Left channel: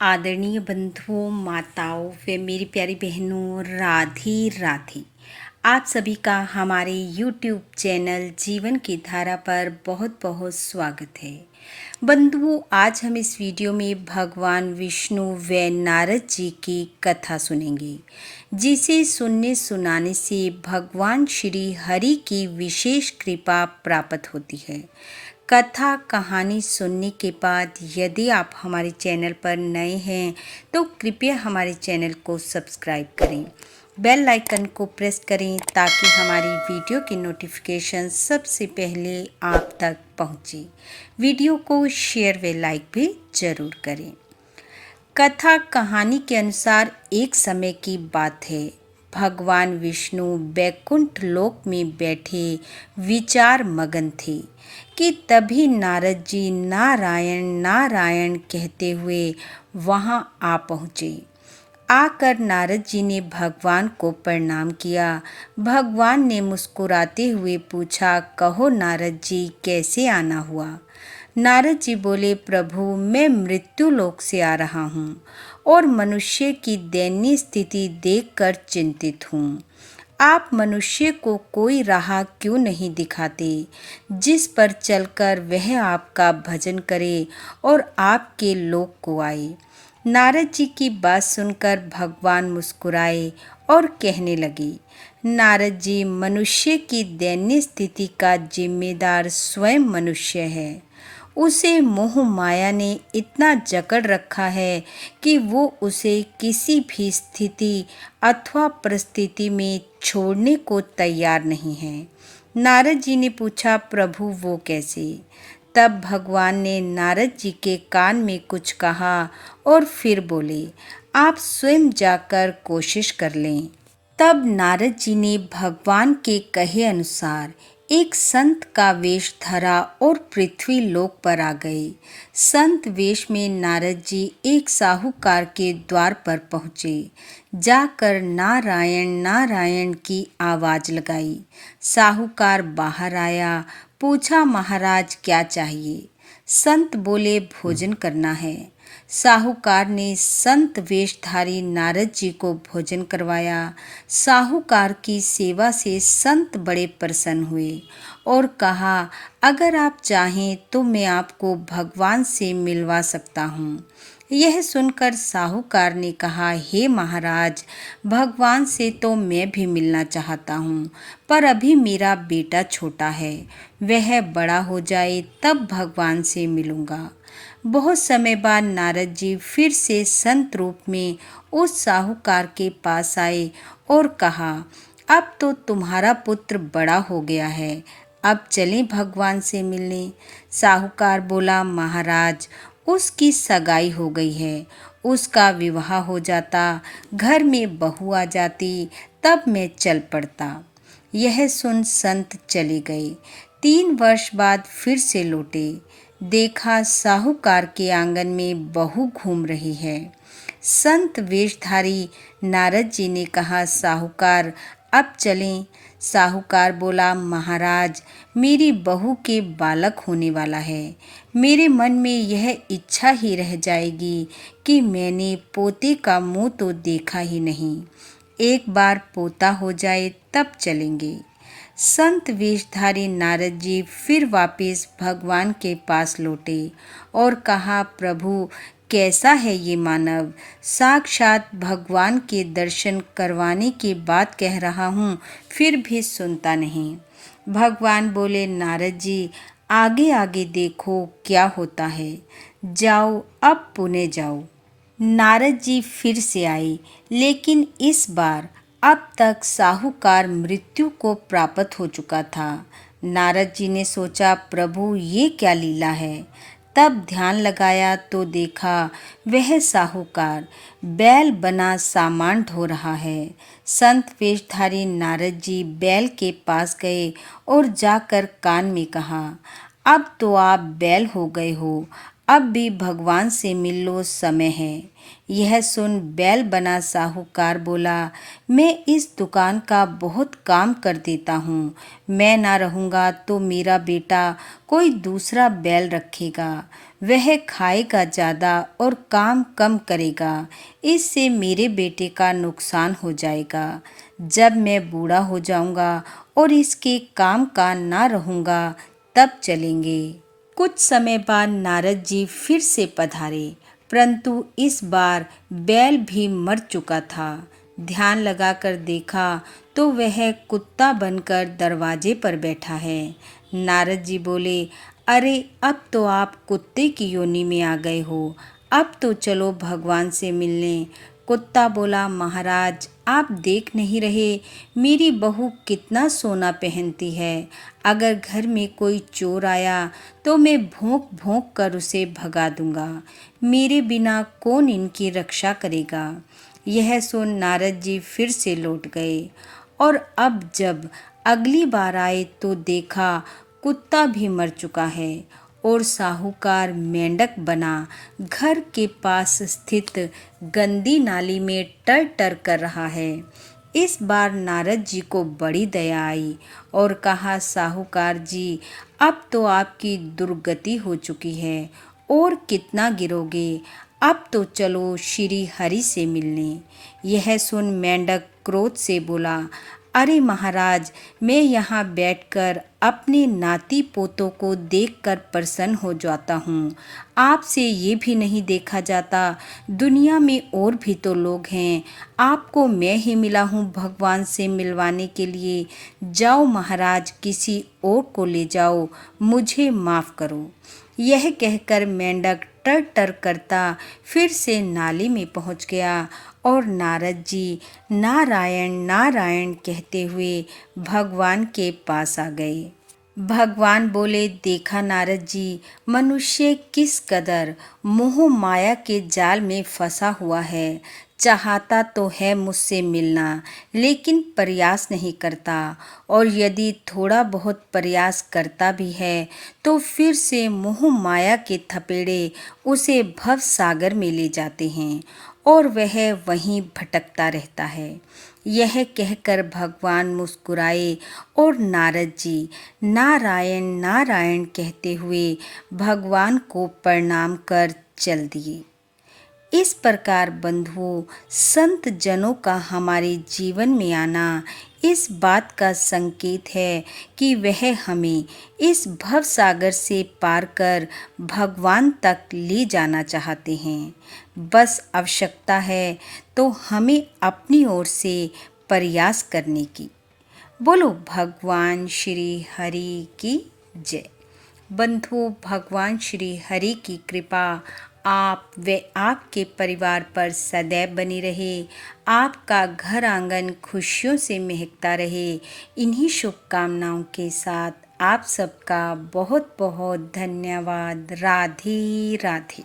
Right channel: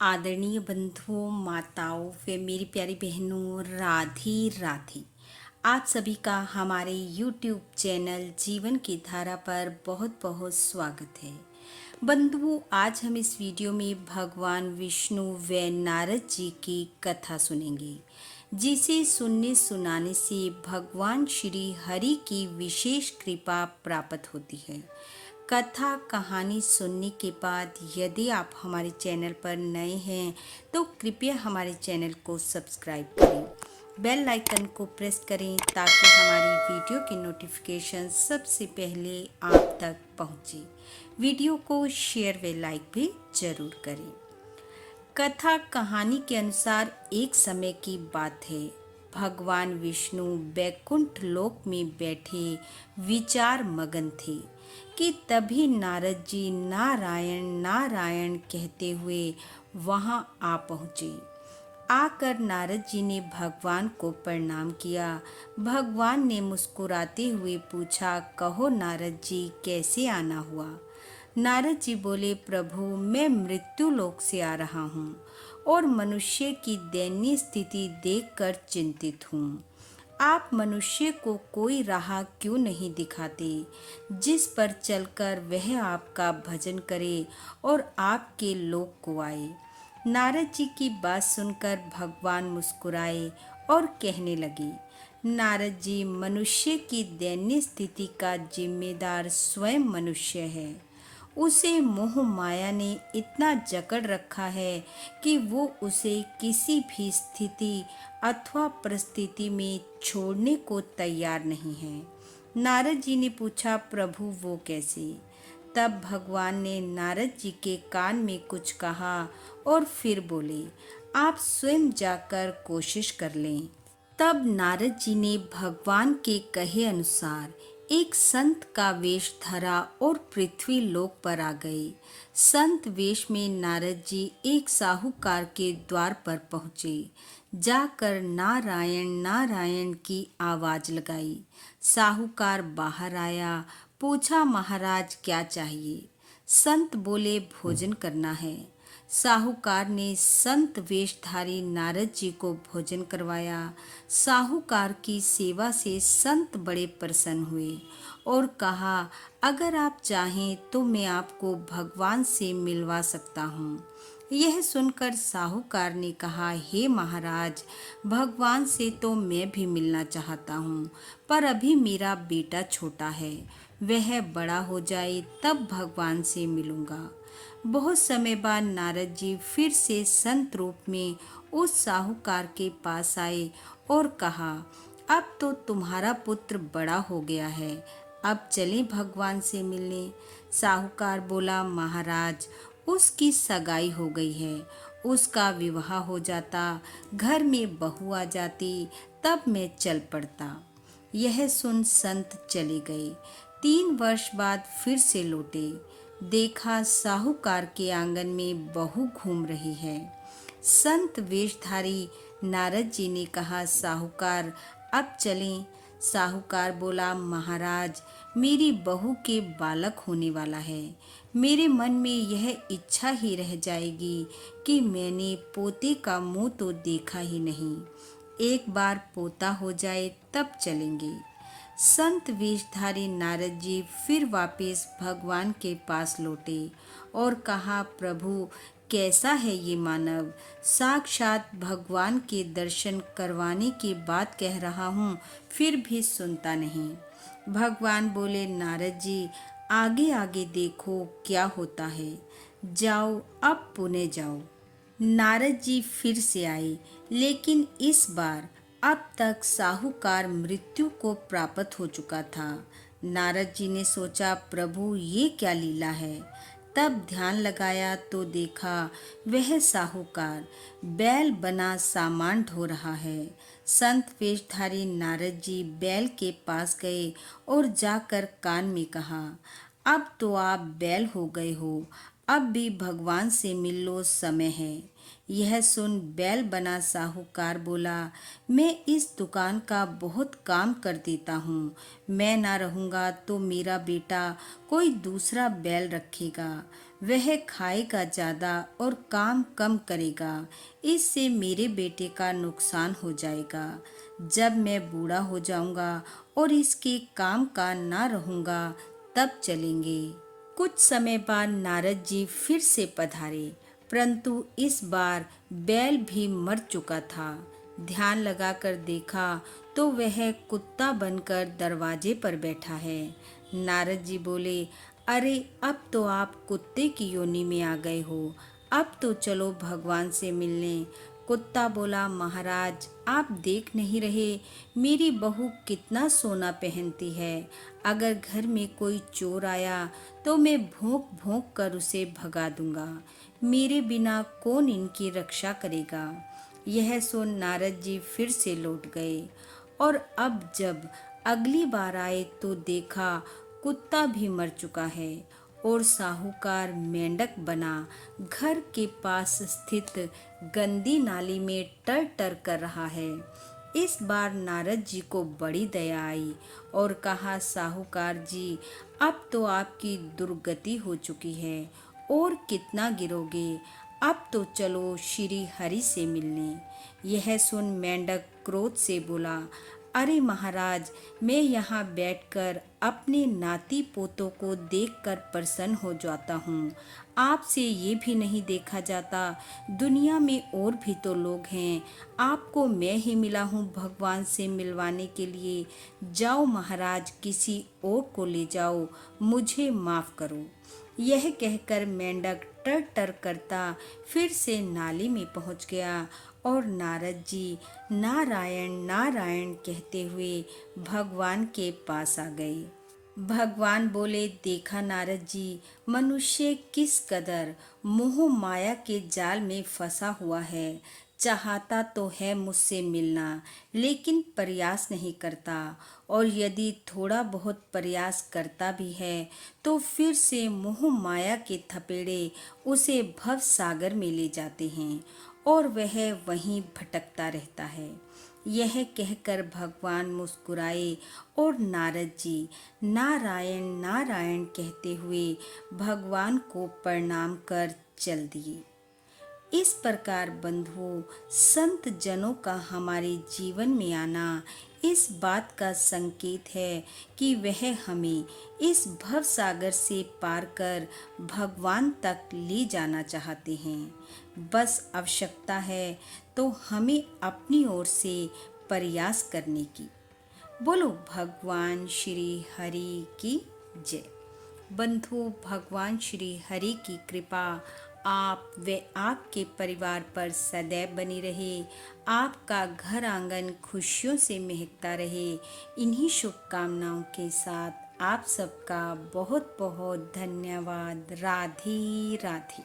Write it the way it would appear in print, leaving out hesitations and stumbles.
आदरणीय बंधुओं, माताओं व मेरी प्यारी बहनों, राधे राधे। आप सभी का हमारे YouTube चैनल जीवन की धारा पर बहुत बहुत स्वागत है। बंधुओं, आज हम इस वीडियो में भगवान विष्णु व नारद जी की कथा सुनेंगे, जिसे सुनने सुनाने से भगवान श्री हरि की विशेष कृपा प्राप्त होती है। कथा कहानी सुनने के बाद यदि आप हमारे चैनल पर नए हैं तो कृपया हमारे चैनल को सब्सक्राइब करें, बेल आइकन को प्रेस करें ताकि हमारी वीडियो की नोटिफिकेशन सबसे पहले आप तक पहुंचे। वीडियो को शेयर व लाइक भी ज़रूर करें। कथा कहानी के अनुसार एक समय की बात है। भगवान विष्णु बैकुंठ लोक में बैठे विचार मगन थे कि तभी नारद जी नारायण नारायण कहते हुए वहां आ पहुँचे। आकर नारद जी ने भगवान को प्रणाम किया। भगवान ने मुस्कुराते हुए पूछा, कहो नारद जी, कैसे आना हुआ? नारद जी बोले, प्रभु मैं मृत्यु लोक से आ रहा हूँ और मनुष्य की दयनीय स्थिति देखकर चिंतित हूँ। आप मनुष्य को कोई राह क्यों नहीं दिखाते जिस पर चलकर वह आपका भजन करे और आपके लोक को आए? नारद जी की बात सुनकर भगवान मुस्कुराए और कहने लगे, नारद जी, मनुष्य की दयनीय स्थिति का जिम्मेदार स्वयं मनुष्य है। उसे मोह माया ने इतना जकड़ रखा है कि वो उसे किसी भी स्थिति अथवा परिस्थिति में छोड़ने को तैयार नहीं है। नारद जी ने पूछा, प्रभु वो कैसे? तब भगवान ने नारद जी के कान में कुछ कहा और फिर बोले, आप स्वयं जाकर कोशिश कर लें। तब नारद जी ने भगवान के कहे अनुसार एक संत का वेश धरा और पृथ्वी लोक पर आ गए। संत वेश में नारद जी एक साहूकार के द्वार पर पहुँचे। जाकर नारायण नारायण की आवाज़ लगाई। साहूकार बाहर आया, पूछा, महाराज क्या चाहिए? संत बोले, भोजन करना है। साहूकार ने संत वेशधारी नारद जी को भोजन करवाया। साहूकार की सेवा से संत बड़े प्रसन्न हुए और कहा, अगर आप चाहें तो मैं आपको भगवान से मिलवा सकता हूँ। यह सुनकर साहूकार ने कहा, हे महाराज, भगवान से तो मैं भी मिलना चाहता हूँ, पर अभी मेरा बेटा छोटा है, वह बड़ा हो जाए तब भगवान से मिलूँगा। बहुत समय बाद नारद जी फिर से संत रूप में उस साहूकार के पास आए और कहा, अब तो तुम्हारा पुत्र बड़ा हो गया है, अब चलें भगवान से मिलने। साहूकार बोला, महाराज, उसकी सगाई हो गई है, उसका विवाह हो जाता, घर में बहू आ जाती, तब मैं चल पड़ता। यह सुन संत चले गए। 3 वर्ष बाद फिर से लौटे। देखा साहूकार के आंगन में बहू घूम रही है। संत वेशधारी नारद जी ने कहा, साहूकार, अब चलें। साहूकार बोला, महाराज, मेरी बहू के बालक होने वाला है। मेरे मन में यह इच्छा ही रह जाएगी कि मैंने पोते का मुंह तो देखा ही नहीं। एक बार पोता हो जाए तब चलेंगे। संत वेशधारी नारद जी फिर वापस भगवान के पास लौटे और कहा, प्रभु, कैसा है ये मानव? साक्षात भगवान के दर्शन करवाने की बात कह रहा हूँ, फिर भी सुनता नहीं। भगवान बोले, नारद जी, आगे आगे देखो क्या होता है, जाओ अब पुणे जाओ। नारद जी फिर से आए, लेकिन इस बार अब तक साहूकार मृत्यु को प्राप्त हो चुका था। नारद जी ने सोचा, प्रभु ये क्या लीला है? तब ध्यान लगाया तो देखा वह साहूकार बैल बना सामान ढो रहा है। संत वेशधारी नारद जी बैल के पास गए और जाकर कान में कहा, अब तो आप बैल हो गए हो, अब भी भगवान से मिल लो, समय है। यह सुन बैल बना साहूकार बोला, मैं इस दुकान का बहुत काम कर देता हूँ, मैं ना रहूँगा तो मेरा बेटा कोई दूसरा बैल रखेगा। वह खाएगा ज़्यादा और काम कम करेगा। इससे मेरे बेटे का नुकसान हो जाएगा। जब मैं बूढ़ा हो जाऊंगा और इसके काम का ना रहूंगा तब चलेंगे। कुछ समय बाद नारद जी फिर से पधारे, परंतु इस बार बैल भी मर चुका था। ध्यान लगाकर देखा तो वह कुत्ता बनकर दरवाजे पर बैठा है। नारद जी बोले, अरे अब तो आप कुत्ते की योनि में आ गए हो, अब तो चलो भगवान से मिलने। कुत्ता बोला, महाराज आप देख नहीं रहे मेरी बहू कितना सोना पहनती है। अगर घर में कोई चोर आया तो मैं भौंक भौंक कर उसे भगा दूंगा। मेरे बिना कौन इनकी रक्षा करेगा। यह सुन नारद जी फिर से लौट गए और अब जब अगली बार आए तो देखा कुत्ता भी मर चुका है और साहूकार मेंढक बना घर के पास स्थित गंदी नाली में टर टर कर रहा है। इस बार नारद जी को बड़ी दया आई और कहा, साहूकार जी अब तो आपकी दुर्गति हो चुकी है और कितना गिरोगे। अब तो चलो श्री हरि से मिलने। यह सुन मेंढक क्रोध से बोला, अरे महाराज मैं यहाँ बैठकर अपने नाती पोतों को देखकर प्रसन्न हो जाता हूँ। आपसे ये भी नहीं देखा जाता दुनिया में और भी तो लोग हैं। आपको मैं ही मिला हूँ भगवान से मिलवाने के लिए। जाओ महाराज किसी और को ले जाओ, मुझे माफ़ करो। यह कहकर मेंढक टर टर करता फिर से नाली में पहुंच गया और नारद जी नारायण नारायण कहते हुए भगवान के पास आ गए। भगवान बोले, देखा नारद जी मनुष्य किस कदर मोह माया के जाल में फंसा हुआ है। चाहता तो है मुझसे मिलना लेकिन प्रयास नहीं करता, और यदि थोड़ा बहुत प्रयास करता भी है तो फिर से मोह माया के थपेड़े उसे भव सागर में ले जाते हैं और वह वहीं भटकता रहता है। यह कहकर भगवान मुस्कुराए और नारद जी नारायण नारायण कहते हुए भगवान को प्रणाम कर चल दिए। इस प्रकार बंधुओं, संत जनों का हमारे जीवन में आना इस बात का संकेत है कि वह हमें इस भव सागर से पार कर भगवान तक ले जाना चाहते हैं। बस आवश्यकता है तो हमें अपनी ओर से प्रयास करने की। बोलो भगवान श्री हरि की जय। बंधु, भगवान श्री हरि की कृपा आप व आपके परिवार पर सदैव बनी रहे। आपका घर आंगन खुशियों से महकता रहे। इन्हीं शुभकामनाओं के साथ आप सबका बहुत बहुत धन्यवाद। राधे राधे।